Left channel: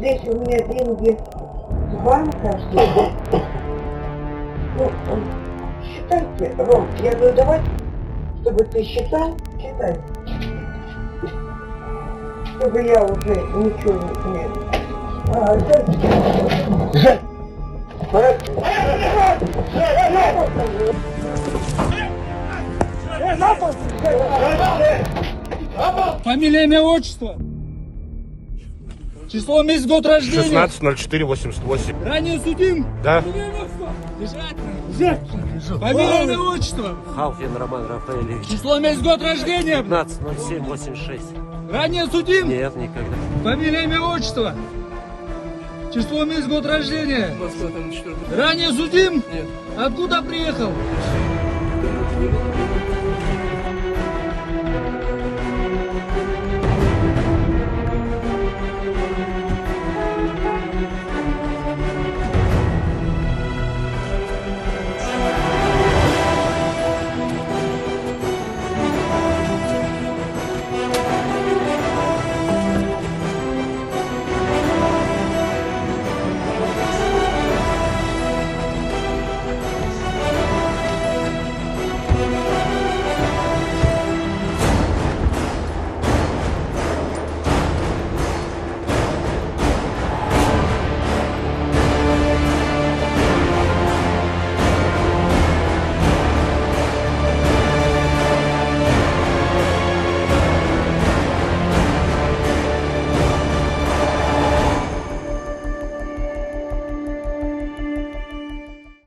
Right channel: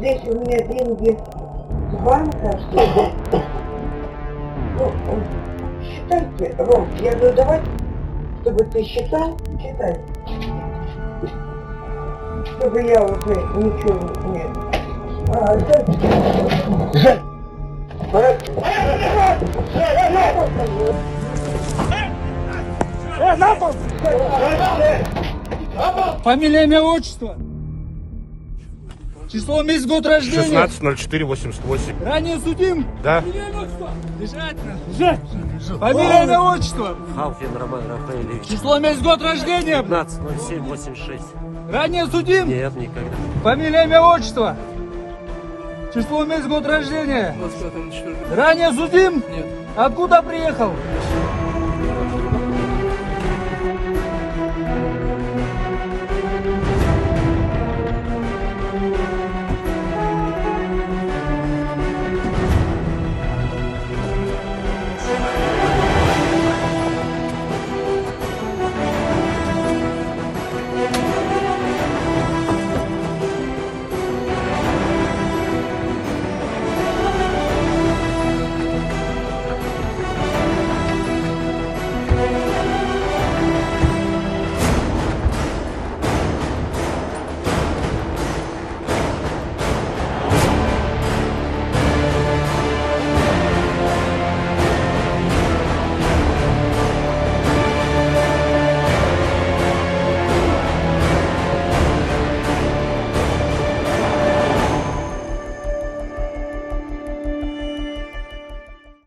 здесь у меня деньги с банка. Ну, считайте, Ром, я говорю, давай, чтобы ты считай. Чтобы я уже ничего не... Фамилия, имя, отчество. Число, месяц, год рождения. 16.04.88. Ранее судим. Да. Лежать. Фамилия, имя, отчество. Халфин Роман Рафаэлевич. Число, месяц, год рождения. 15.07.86. Ранее судим. Нет, никогда. Фамилия, имя, отчество. Число, месяц, год рождения. 25.04. Ранее судим. Нет. Откуда приехал?